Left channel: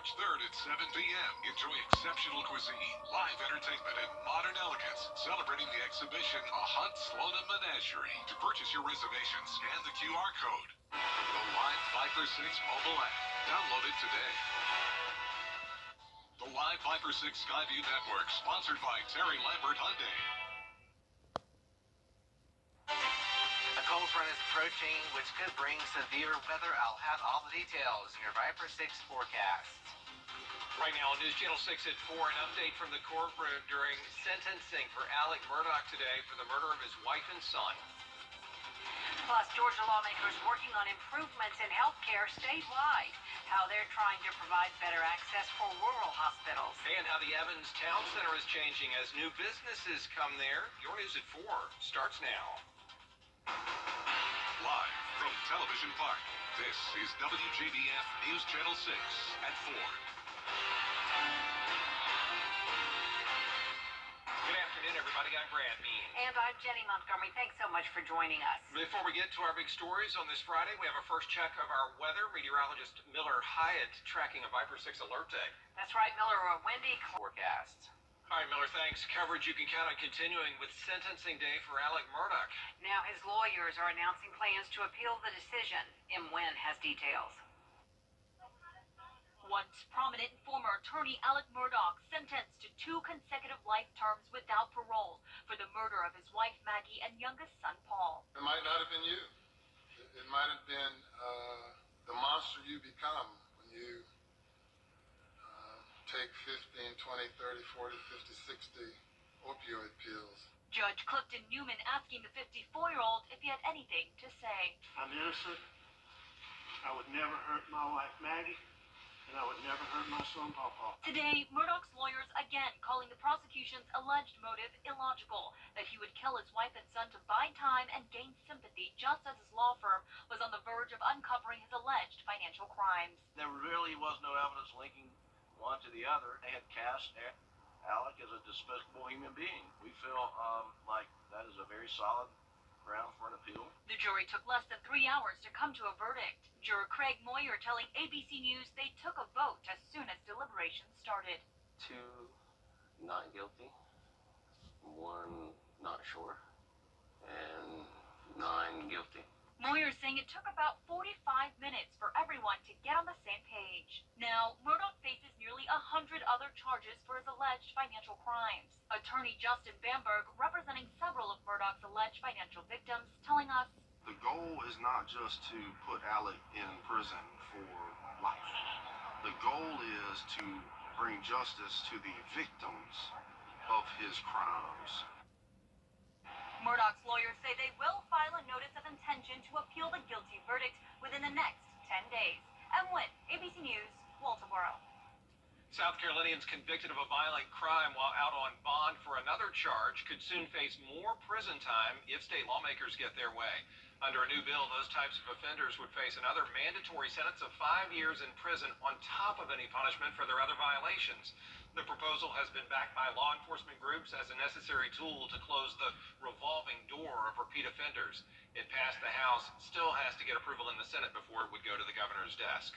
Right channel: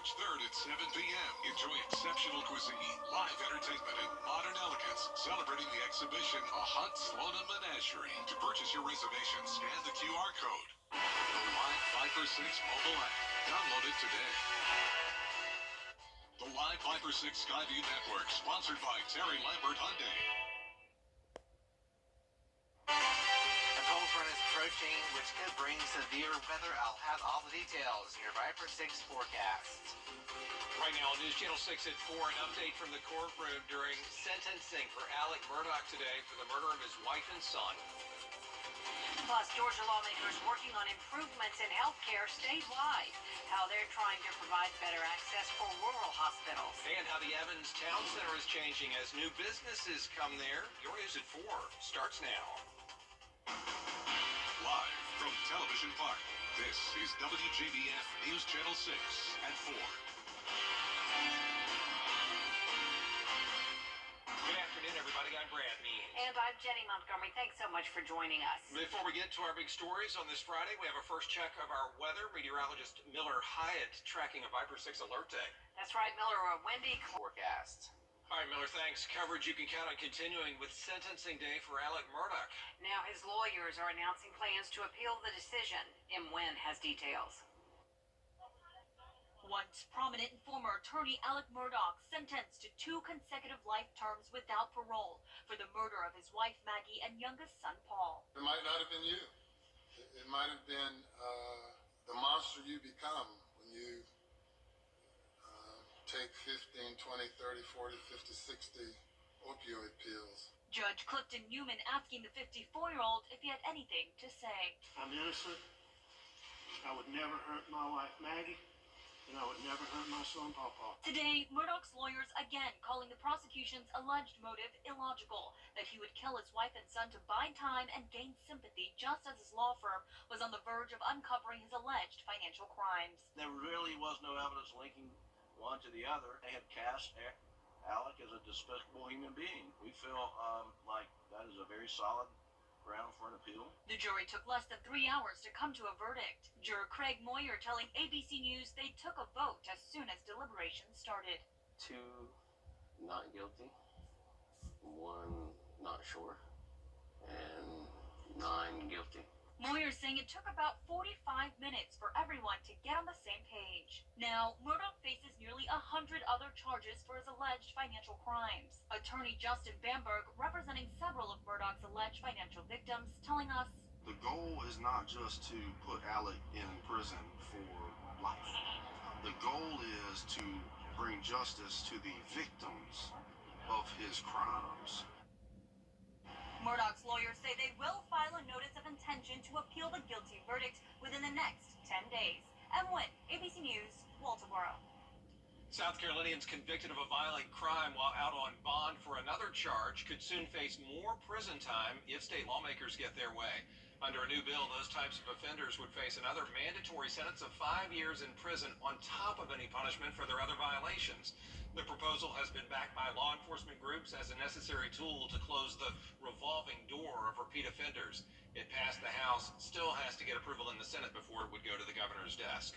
March 3rd at 7 p.m. Enjoy exceptional cuisine, live entertainment, and modern elegance. Celebrating the exhibition, A Hunt Sloan Menagerie. To purchase your reservation, scan the QR code. The Live Viper 6 mobile app. Download it today. The Live Viper 6 Skyview Network, sponsored by Terry Lambert Hyundai. A cold front is approaching, which could bring severe weather. I'll have all the details in your Viper 6 forecast. Right now on News Channel 6 at 4, an update from the courtroom during sentencing for Alec Murdaugh today for the murder of his wife and son. Plus, Georgia lawmakers working on improvements in health care statewide, how they're trying to provide better access for rural hospitals. And how the Evans Town Center is changing as new businesses come there. Your News at 4 starts now. Live from Television Park, this is Wjbf News Channel 6 at 4. Good afternoon, everybody. I'm Brad Mean. And I'm Jenny Montgomery. Thanks so much for joining us. Before we get to our big stories on this Friday, we have a first check of our weather. Meteorologist Miller Hyatt tracking a Viper 6 alert day. That's right, Miller. A windy Forecast. All right, Miller, thanks. Coverage you can count on continuing with sentencing day for Alec Murdaugh. Now his lawyers are announcing plans to appeal the decision. M. Wynn has details. Once prominent and former attorney Alec Murdaugh sentenced to 2 consecutive life terms without parole for the murder of his wife Maggie and youngest son Paul. It might not have been you. It might have been the monster you become when you take 15, 20, 30, 40, 50, 60 opioid pills. Judge Clifton Newman asking the 54-year-old if he had anything to say. I'm innocent. I would never hurt my wife Maggie, and I would never hurt my son Pawpaw. Today, Murdaugh's lawyers again calling the prosecution's alleged motive illogical, that he would kill his wife and son to buy time and gain sympathy just as his law firm was on the verge of uncovering his alleged financial crimes. There really was no evidence linking one to the other. They had cast Alec as a despicable human being. We feel like that is a very solid ground for an appeal. The jury took less than 3 hours to come to a verdict. Juror Craig Moyer telling ABC News they took a vote as soon as deliberations started. 2 not guilty, 1 not sure, and 9 guilty. Moyer saying it took about 45 minutes for everyone to get on the same page. Now, Murdaugh faces nearly 100 other charges for his alleged financial crimes. Attorney Justin Bamberg, representing several of Murdaugh's alleged financial victims, telling us, the goal is not just to put Alec in prison for life. The goal is to bring justice to the victims of his crimes. Murdaugh's lawyers say they will file a notice of intention to appeal the guilty verdict within the next 10 days. M. Wynn, ABC News, Walterboro. South Carolinians convicted of a violent crime while out on bond for another charge could soon face more prison time if state lawmakers get their way. Under a new bill, those types of offenders would face another mandatory sentence of 5 years in prison on top of any punishment for their other violations. The proposal has been backed by law enforcement groups as a necessary tool to close the revolving door of repeat offenders. It passed the House, still has to get approval in the Senate before it would go to the governor's desk.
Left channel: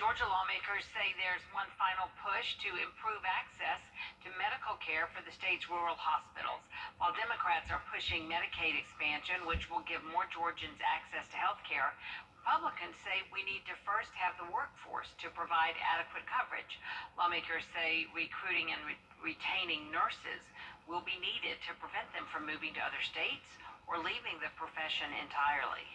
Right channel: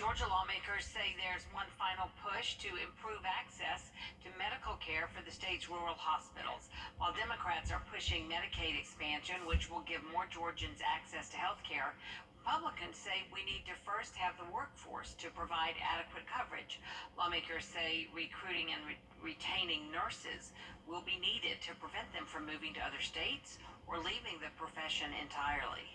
Georgia lawmakers say there's one final push to improve access to medical care for the state's rural hospitals. While Democrats are pushing Medicaid expansion, which will give more Georgians access to health care, Republicans say we need to first have the workforce to provide adequate coverage. Lawmakers say recruiting and retaining nurses will be needed to prevent them from moving to other states or leaving the profession entirely.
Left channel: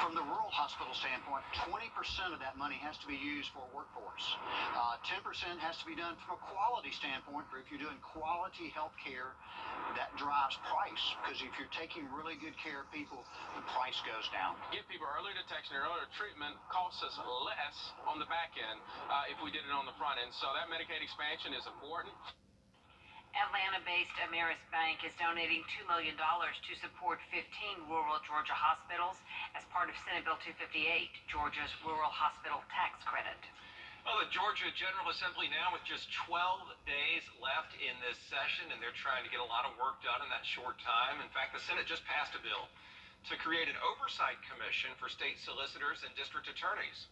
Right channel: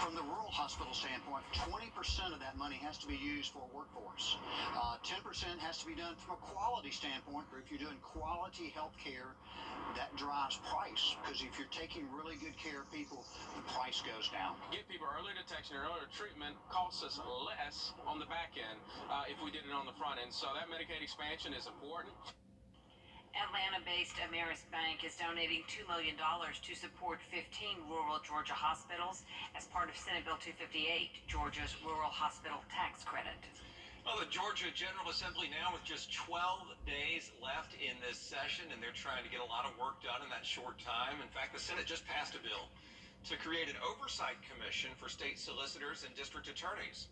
From the rural hospital standpoint, 20% of that money has to be used for workforce. 10% has to be done from a quality standpoint. If you're doing quality health care, that drives price, because if you're taking really good care of people, the price goes down. Get people earlier detection and earlier treatment costs us less on the back end if we did it on the front end. So that Medicaid expansion is important. Atlanta-based Ameris Bank is donating $2 million to support 15 rural Georgia hospitals as part of Senate Bill 258, Georgia's Rural Hospital Tax Credit. Well, the Georgia General Assembly now with just 12 days left in this session, and they're trying to get a lot of work done in that short time. In fact, the Senate just passed a bill to create an oversight commission for state solicitors and district attorneys.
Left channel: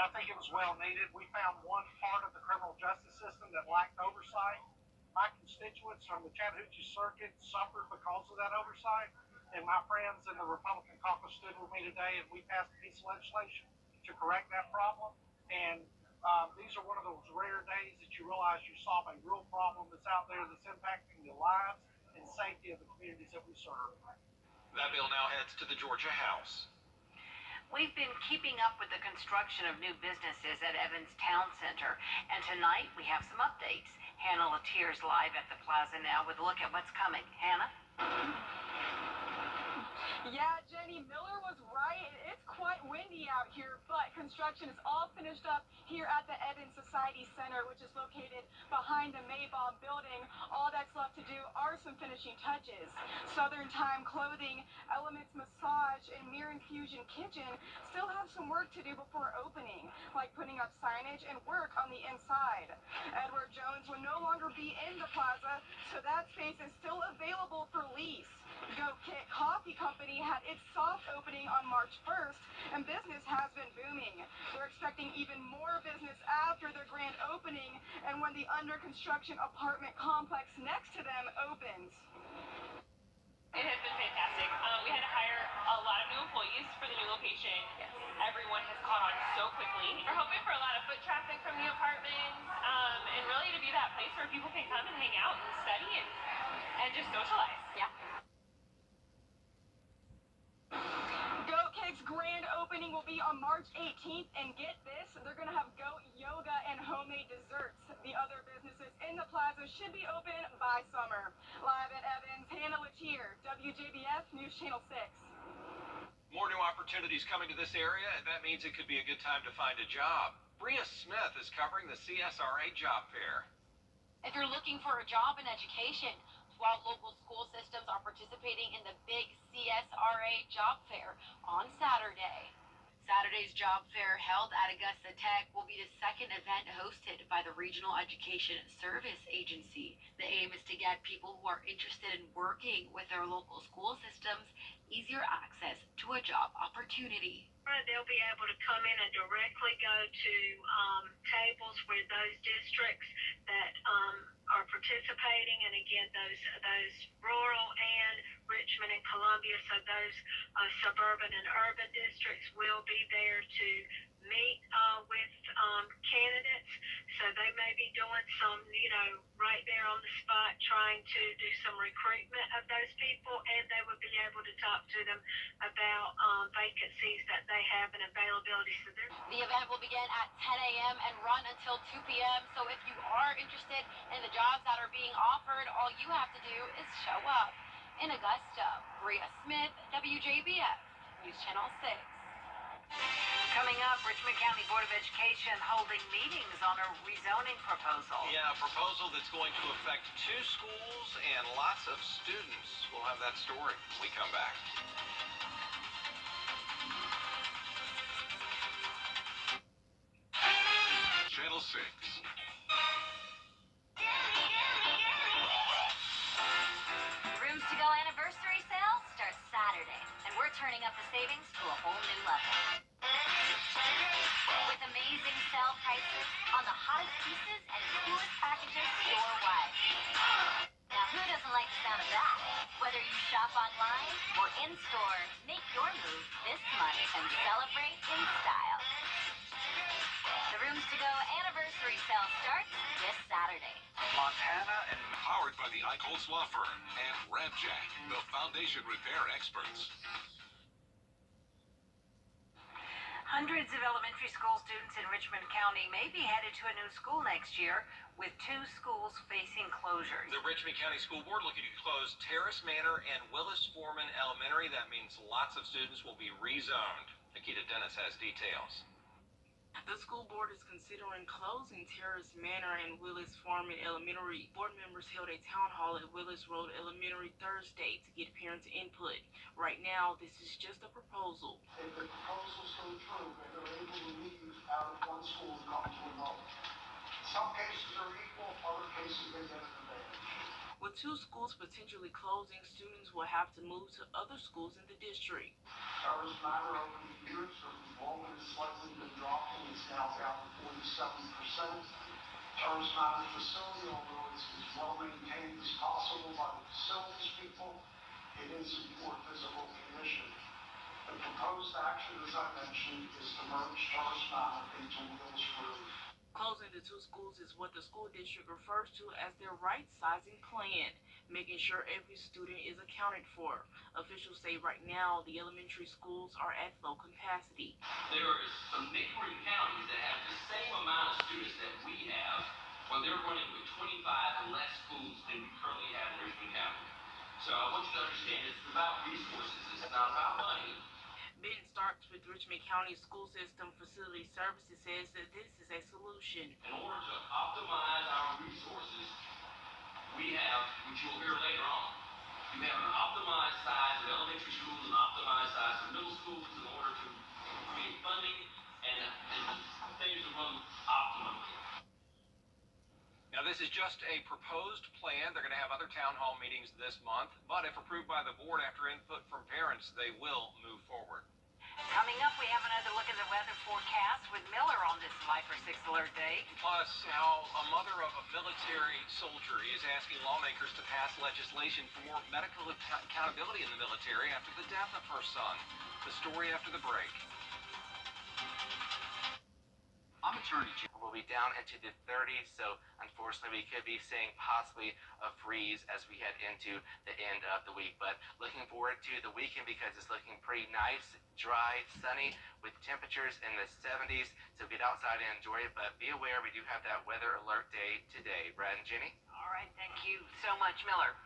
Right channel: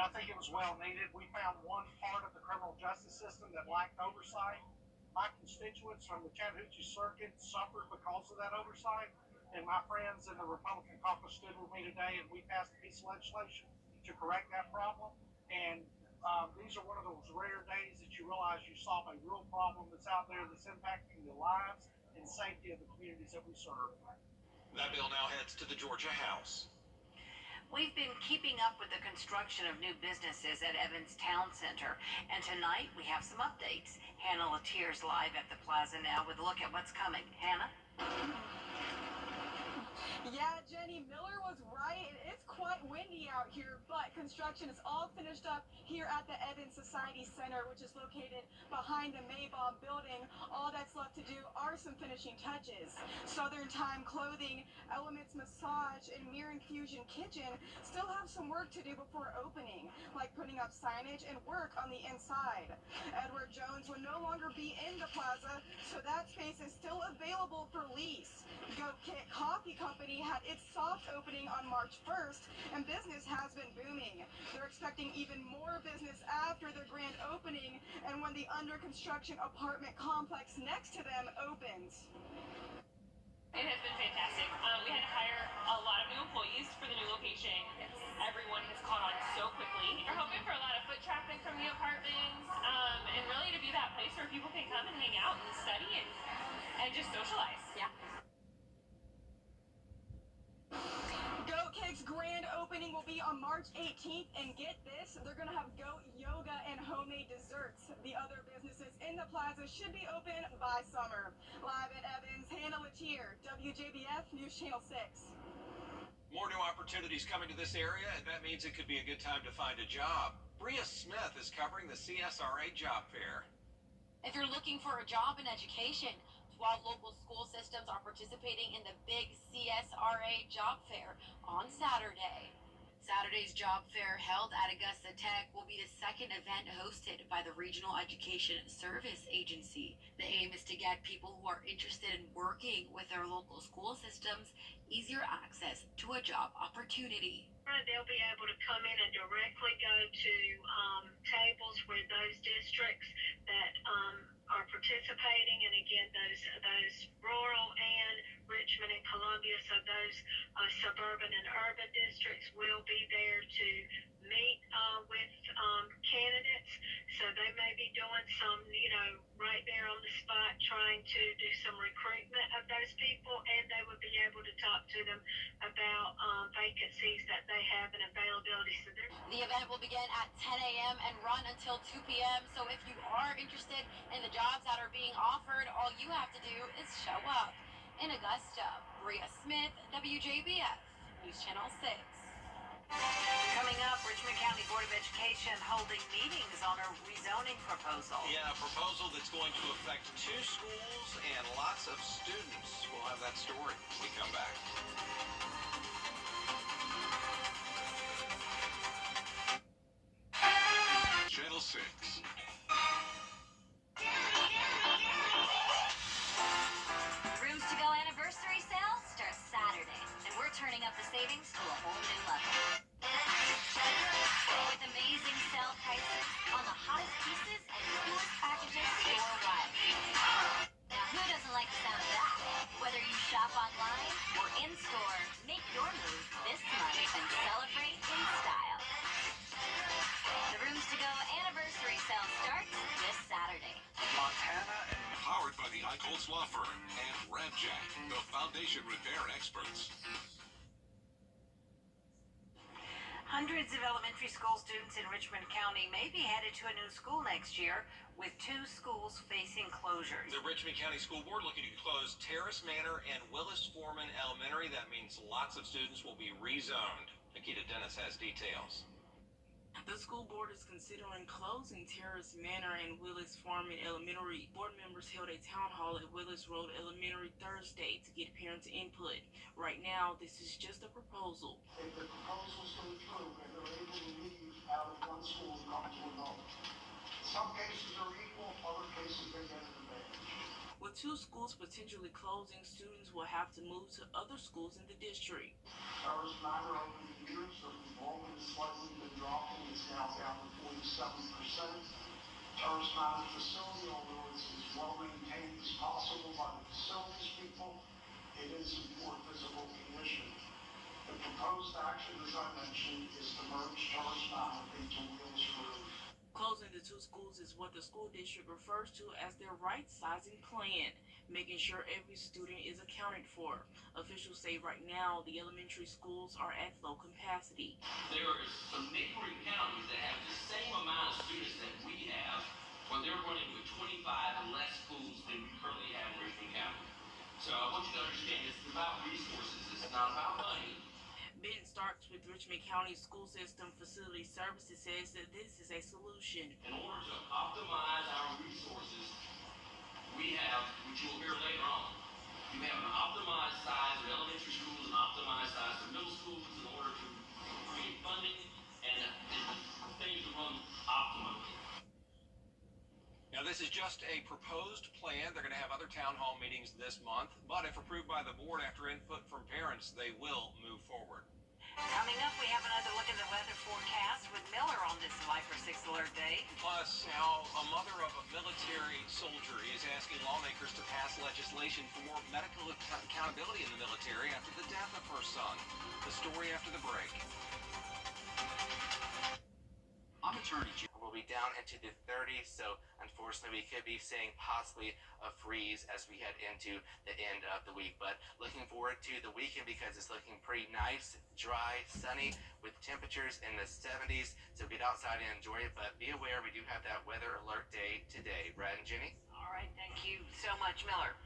and I think it was well needed. We found one part of the criminal justice system that lacked oversight. My constituents from the Chattahoochee Circuit suffered because of that oversight, and my friends in the Republican caucus stood with me today, and we passed a piece of legislation to correct that problem. And these are one of those rare days that you realize you solve a real problem that's out there that's impacting the lives and safety of the communities that we serve. That bill now heads to the Georgia House. We've been keeping up with the construction of new businesses at Evans Town Center, and tonight we have some updates. Hannah Letier's live at the plaza now with a look at what's coming. Hannah? Yeah, Jenny, Miller was right. It's quite windy out here, but construction is all finished up here at the Evans Society Center, which is located behind the Maybaum building. All that's left to do are some finishing touches. Southern Time Clothing, Elements Massage, and Mirror Infusion Kitchen still have some work to do before opening, like putting up signage and work on the inside. Edward Jones will no longer be in the plaza, so that space is still available for lease. Goat Kit Coffee Company had its soft opening on March 1st, and business has been booming. They're expecting even more business after their grand opening and when the under construction apartment complex next to them opens. It has been fantastic. We had to hire a lot of new employees for the new location. Yes. Everyone has caught on so quickly. We're hoping for a lot of foot traffic from the apartments, and really to be that place where people can come and hang out and study and just socialize. Yeah. Goat Cake's grand opening will be on March 18th, and get this, they're going to have goat yoga and homemade desserts. The other businesses in the plaza should be open by summer. Live at Evans, Hannah Letier, WJBF News Channel 6. More new opportunities coming to this area, and that means it could be a good time to find a job. Bria Smith is covering the CSRA job fair. If you're looking for a job in education, 12 local school systems are participating in the big CSRA job fair on Saturday. Saturday's job fair held at Augusta Tech will be the second event hosted by the Regional Education Service Agency. The aim is to get people who are interested in working with their local school systems easier access to a job opportunity. They'll be able to come in and directly go to tables where those districts that are participating, and again, those rural and Richmond and Columbia, so those suburban and urban districts will be there to meet with candidates. So they may be doing some, right there on the spot, trying to do some recruitment of those people, and they would be able to talk to them about vacancies that they have and availability. So the event will begin at 10 a.m. and run until 2 p.m. So if you are interested in the jobs that are being offered, all you have to do is show up. In Augusta, Bria Smith, WJBF News Channel 6. Coming up, Richmond County Board of Education holding meetings on a rezoning proposal. Yeah, a proposal that's going to affect 2 schools and lots of students. We'll have that story when we come back. Channel 6. The Rooms to Go anniversary sale starts Saturday, and we're turning up the savings to a whole new level. With amazing sale prices on the hottest pieces and coolest packages store-wide. Now, who doesn't like the sound of that? Whether you shop online or in-store, make your move this month and celebrate in style. The Rooms to Go anniversary sale starts this Saturday. Montana and powered by the Eichholz Law Firm and Ramjack, the foundation repair experts. Hundreds of elementary school students in Richmond County may be headed to a new school next year, with 2 schools facing closures. The Richmond County School Board looking to close Terrace Manor and Willis Foreman Elementary. That means lots of students will be rezoned. Nikita Dennis has details. The school board is considering closing Terrace Manor and Willis Foreman Elementary. Board members held a town hall at Willis Road Elementary Thursday to get parents' input. Right now, this is just a proposal. If the proposal's so true, that they're able to leave out of one school and come to another. Some cases are equal, other cases they get an advantage. With 2 schools potentially closing, students will have to move to other schools in the district. Terrorist matter over the years, their enrollment has slightly been dropping. It's now down to 47%. Terrorist matter facility, although it's as well maintained as possible by the facilities people, it is in poor physical condition. The proposed action, as I mentioned, is to merge Terrorist matter into Wheels Roof. Closing the two schools is what the school district refers to as their right-sizing plan, making sure every student is accounted for. Officials say right now the elementary schools are at low capacity. There are some neighboring counties that have the same amount of students that we have, but they're running with 25 less schools than we currently have in Richmond County. So I want you to understand this is about resources, it's not about money. Ben Starks with Richmond County School System Facility Services says that this is a solution. In order to optimize our resources, we have, which you'll hear later on, you have an optimized size of elementary schools and optimized size of middle schools in order to create funding and things to run optimally. Now, this is just a proposed plan. They're going to have other town hall meetings this month, but if approved by the board after input from parents, they will move forward. Coming up, we have another look at the weather forecast with Miller on this Viper 6 Alert Day. Plus, how a mother of a military soldier is asking lawmakers to pass legislation for more medical accountability in the military after the death of her son. The story after the break. I'm Attorney General. We'll be down into the 30s, so unfortunately we could be seeing possibly a freeze as we head into the end of the week. But looking forward to the weekend because it's looking pretty nice, dry, sunny, with temperatures in the 70s. So get outside and enjoy it, but be aware we do have that weather alert day today. Brad and Jenny? All right, thank you so much, Miller.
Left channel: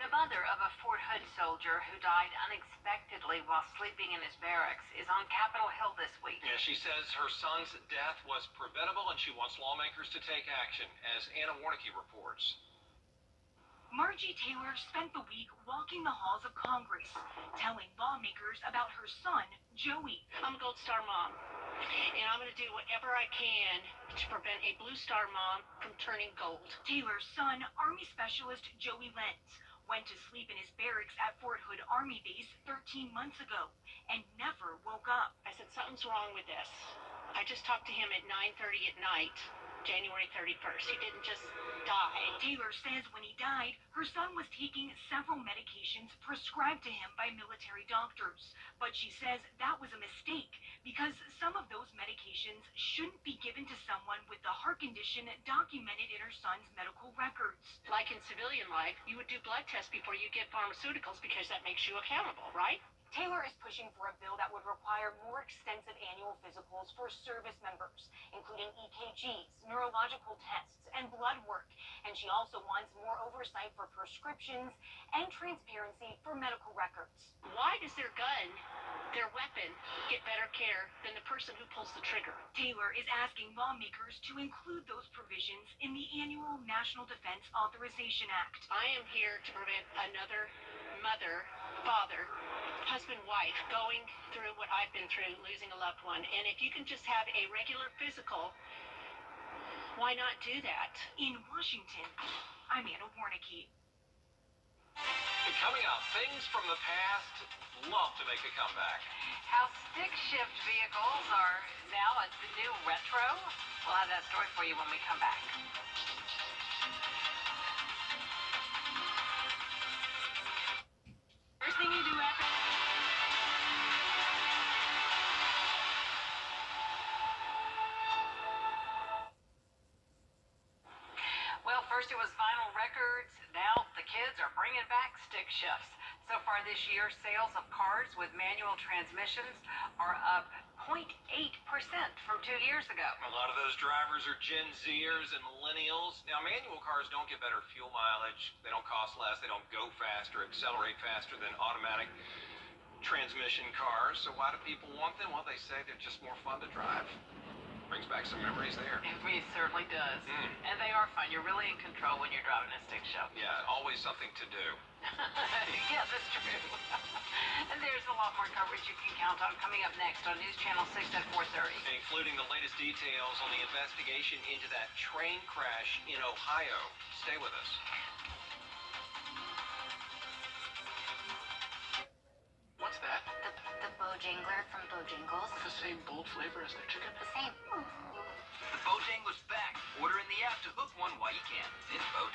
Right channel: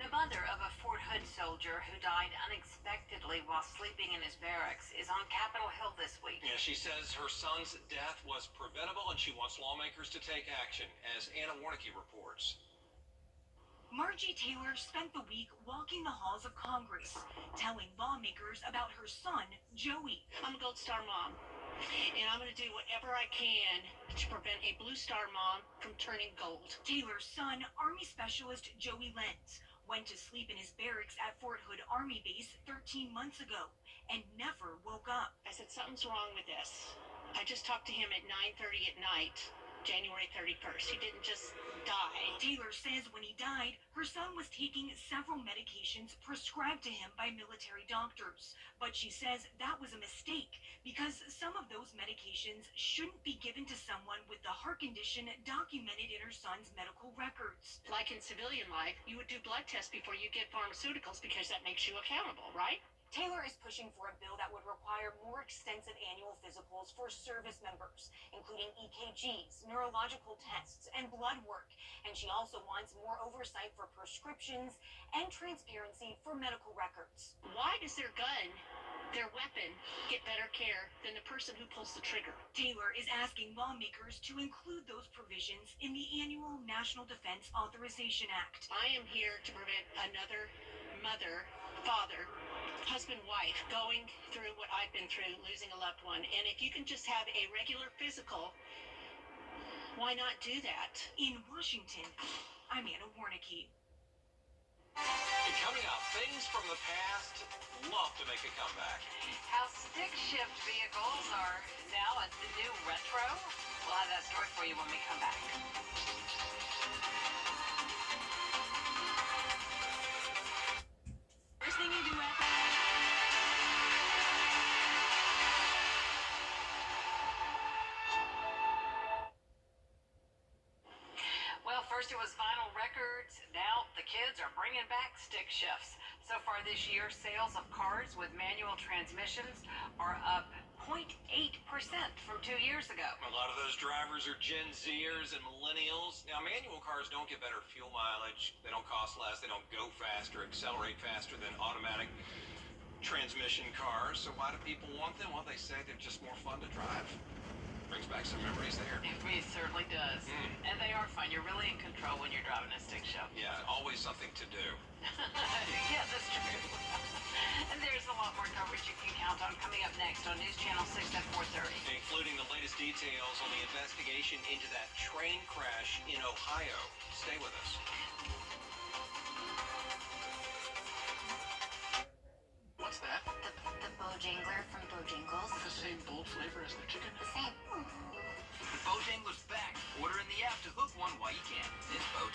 The mother of a Fort Hood soldier who died unexpectedly while sleeping in his barracks is on Capitol Hill this week. Yeah, she says her son's death was preventable and she wants lawmakers to take action, as Anna Warnicki reports. Margie Taylor spent the week walking the halls of Congress, telling lawmakers about her son, Joey. I'm a Gold Star mom, and I'm going to do whatever I can to prevent a Blue Star mom from turning gold. Taylor's son, Army Specialist Joey Lenz, went to sleep in his barracks at Fort Hood Army Base 13 months ago and never woke up. I said, something's wrong with this. I just talked to him at 9:30 at night, January 31st. He didn't just die. Taylor says when he died, her son was taking several medications prescribed to him by military doctors. But she says that was a mistake because some of those medications shouldn't be given to someone with the heart condition documented in her son's medical records. Like in civilian life, you would do blood tests before you get pharmaceuticals because that makes you accountable, right? Taylor is pushing for a bill that would require more extensive annual physicals for service members, including EKGs, neurological tests, and blood work. And she also wants more oversight for prescriptions and transparency for medical records. Why does their gun, their weapon, get better care than the person who pulls the trigger? Taylor is asking lawmakers to include those provisions in the annual National Defense Authorization Act. I am here to prevent another mother, father, husband, wife going through what I've been through, losing a loved one. And if you can just have a regular physical, why not do that? In Washington, I'm Anna Warnicki. And coming up, things from the past love to make a comeback. How stick shift vehicles are now a new retro. We'll have that story for you when we come back. First thing you do after... Well, first it was vinyl records. Now the kids are bringing back stick shifts. So far this year, sales of cars with manual transmissions are up 0.8% from 2 years ago. A lot of those drivers are Gen Zers and millennials. Now, manual cars don't get better fuel mileage. They don't cost less. They don't go faster, accelerate faster than automatic transmission cars. So why do people want them? Well, they say they're just more fun to drive. Brings back some memories there. It certainly does. And they are fun. You're really in control when you're driving a stick shift. Yeah, always something to do. Yeah, that's true. And there's a lot more coverage you can count on coming up next on News Channel 6 at 4:30. Including the latest details on the investigation into that train crash in Ohio. Stay with us. What's that? The boat from Bojangles. The same bold flavor as their chicken? The same. The Bojangles back. Order in the app to hook one while you can. It's Bojangles.